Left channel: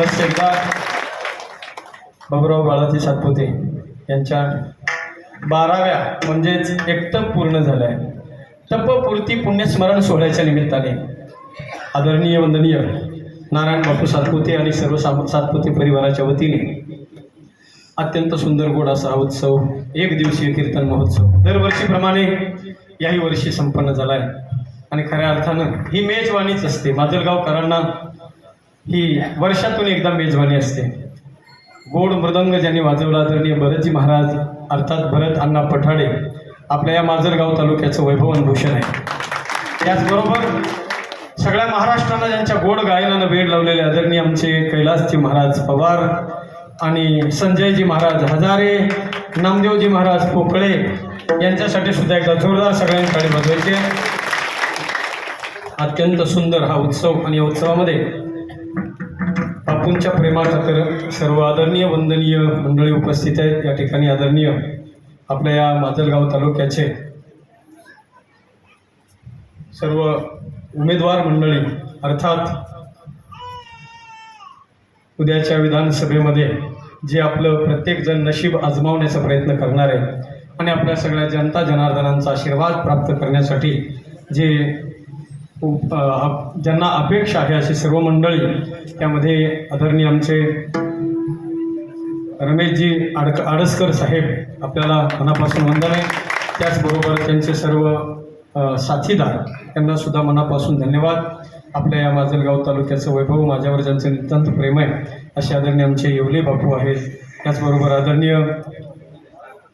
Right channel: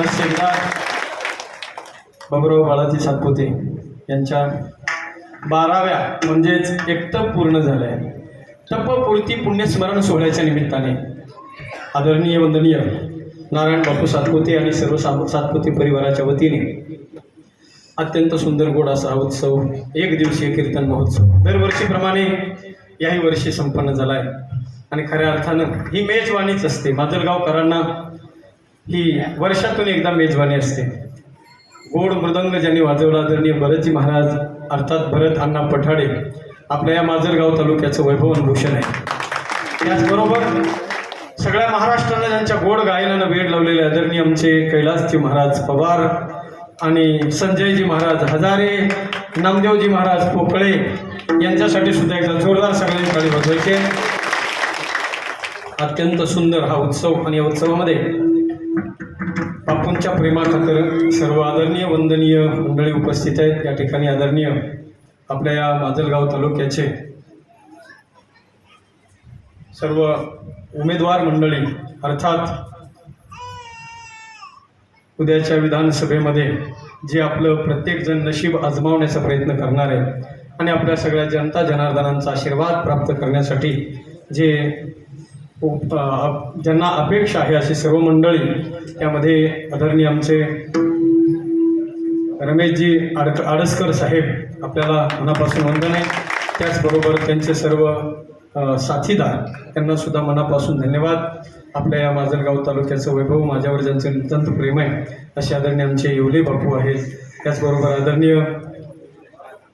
पुनश्च एकदा. बाबुराव बाळाजी सातपुते यांच्या बाराव्या म्हणजेच एकटप पूर्ण झालं आहे तपपूर्ती पुण्यस्मरण सोहळ्याच्या निमित्ताने आदरणीय वंदनीय नारायण बापू सातपुते आणि सर्व सातपुते परिवाराच्या वतीने अत्यंत सुंदर गोड असा हा उत्सव एक दिवसीय कीर्तन महोत्सव दरवर्षीप्रमाणे याही वर्षी संपन्न झाला आहे आणि खऱ्या अर्थानं ही मेजवानीच असते. माजलगावकरांना ही वर्षातून एकदा मेजवानी असते. गोड मृदंग ज्यांनी वाजवला आदरणीय भरतजी महाराज अर्थात भरत अण्णा पठाडे आपल्या या माजलगाव तालुक्याचं वैभवन भूषण आहे. त्याचबरोबर सगळ्या महाराष्ट्राला ज्यांच्या गोड गायनानं वेळ लावलेले आदरणीय आमचे कैलासजी महाराज पवार आणि संजयजी महाराज हजारे नामदेवजी महाराज पोकळे यांच्यासाठी सुद्धा एकदा जोरदार सगळ्यांनी गाणी बघायचे अत्यंत सुंदर हा उत्सव आणि या उत्सवामध्ये बापूंच्या प्रेमाखातर सर्व आदरणीय वंदनीय मंडळी उपस्थित आहेत. या ठिकाणी आदरणीय आपल्या या माजलगाव तालुक्याचे सर्व उमेदवार मंडळी अर्थात उद्याच्या विधानसभेमध्ये जे आपलं प्रत्येकजण नशीब आजमावण्याचा प्रयत्न करणार आहे आणि आपल्या सगळ्या जनता जनार्दनांचा आशीर्वाद प्राप्त करण्यासाठी जे उप- ज्यांना अपेक्षा आहे अशी सर्व मंडळी त्यामध्ये आदरणीय आमचे रमेशजी आडक आडसकर साहेब आपल्याला मनापासून वंदने. त्याचबरोबर त्यांचे सर्व साथीदार त्यांना सुद्धा मनापासून धन्यवाद. आपल्या या माजलगाव तालुक्याचं वैभव माझ्यावर ज्यांचे नितांत प्रेम आहे असे आदरणीय आमचे येवले बापू आहेत. त्याचबरोबर आदरणीय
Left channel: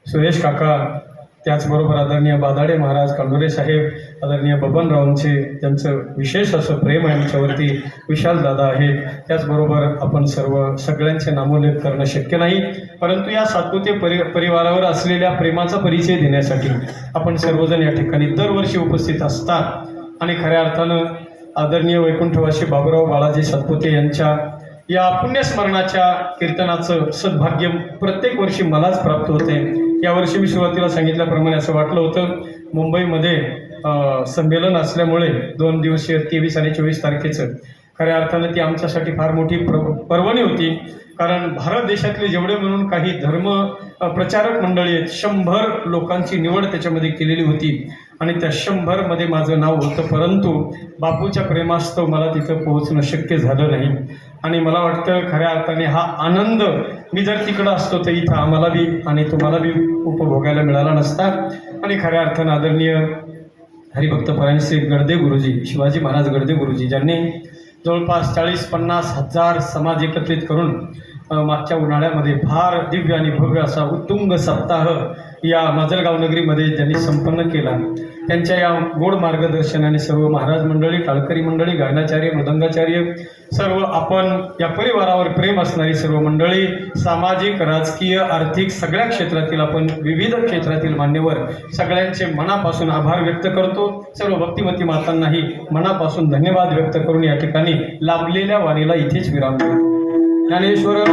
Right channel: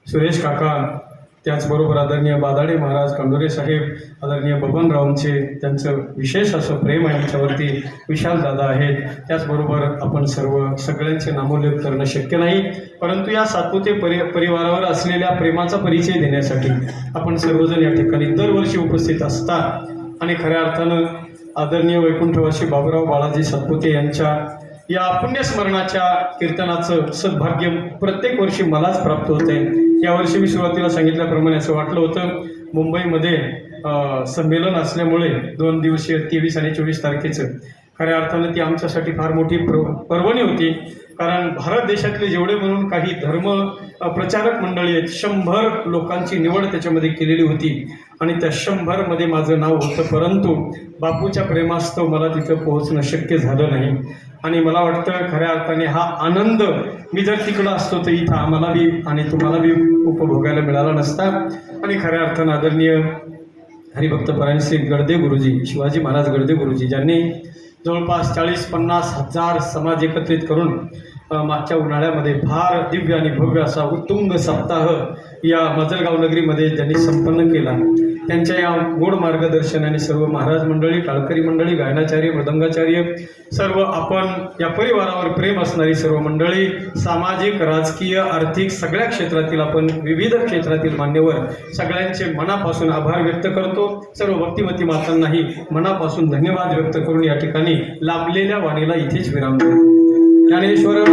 सुरेश काका त्याचबरोबर आदरणीय बादाडे महाराज कांडोरे साहेब आदरणीय बबनरावांचे त्यांचं विशेष असं प्रेम आहे विशाल दादा आहेत. त्याचबरोबर आपण सर्व सगळ्यांचे नामोल्लेख करणं शक्य नाही. परंतु या सातपुते परि परिवारावर असलेल्या प्रेमाचा परिचय देण्यासाठी आपण सर्वजण या ठिकाणी दरवर्षी उपस्थित असतात आणि खऱ्या अर्थानं आदरणीय वैकुंठवासी बाबुराव बाळाजी सातपुते यांच्या या पुण्यस्मरणाच्या कीर्तनाचं सद्भाग्य प्रत्येक वर्षी मलाच प्राप्त होते यावर्षी मी सुरुवातीला सांगितल्याप्रमाणे असं वाटलं होतं. मुंबईमध्ये संमेलन असल्यामुळे दोन दिवसीय तेवीस आणि चोवीस तारखेचं खऱ्या अर्थानं ती आमच्यासाठी फार मोठी प्र पर्वणी होती. कारण भारत देशातले जेवढे म्हणून काही धर्म प्रचारक मंडळी आहेत शंभर लोकांची निवड त्याच्यामध्ये केलेली होती. आणि त्या शंभरमध्ये माझं नाव होतं. परंतु बापूच्या प्रेमास्तव मला तिथं पोहोचणं शक्य झालं नाही. आणि मला वाटतं खऱ्या अर्थाने हा आनंद मी जर तिकडं असतो तर इथं आम्हाला बी आणि तुम्हाला बी उपभोगायला मिळाला नसता. आणि खऱ्या अर्थानं आदरणीय हरिभक्त परायण श्री गडदे गुरुजी शिवाजी महाराज गडदे गुरुजी ज्यांनी जवळपास चाळीस पन्नास हजार समाज एकत्रित करून मागच्या उन्हाळ्यामध्ये फार दिव्य आणि भव्य असा उत्तुंग सप्ताह या मजलगाव नगरीमध्ये त्यांनी संपन्न केला. त्यांच्या या गोड मार्गदर्शनाने सर्व महाराज मंडळी टाळकरी मंडळी गायनाचार्य मृदंगाचार्य सर्व आपण या परिवारावर प्रेम असणारी सर्व मंडळी सामाजिक राजकीय आर्थिक सगळ्या क्षेत्रातील आपण विविध क्षेत्रातील मान्यवर सगळ्यांचे मनापासून आभार व्यक्त करतो सर्व भक्तिमती मातांनाही मनापासून धन्यवाद व्यक्त करून या ठिकाणी लाभलेल्या वाणीला इथेच विराम ज्ञानेश्वर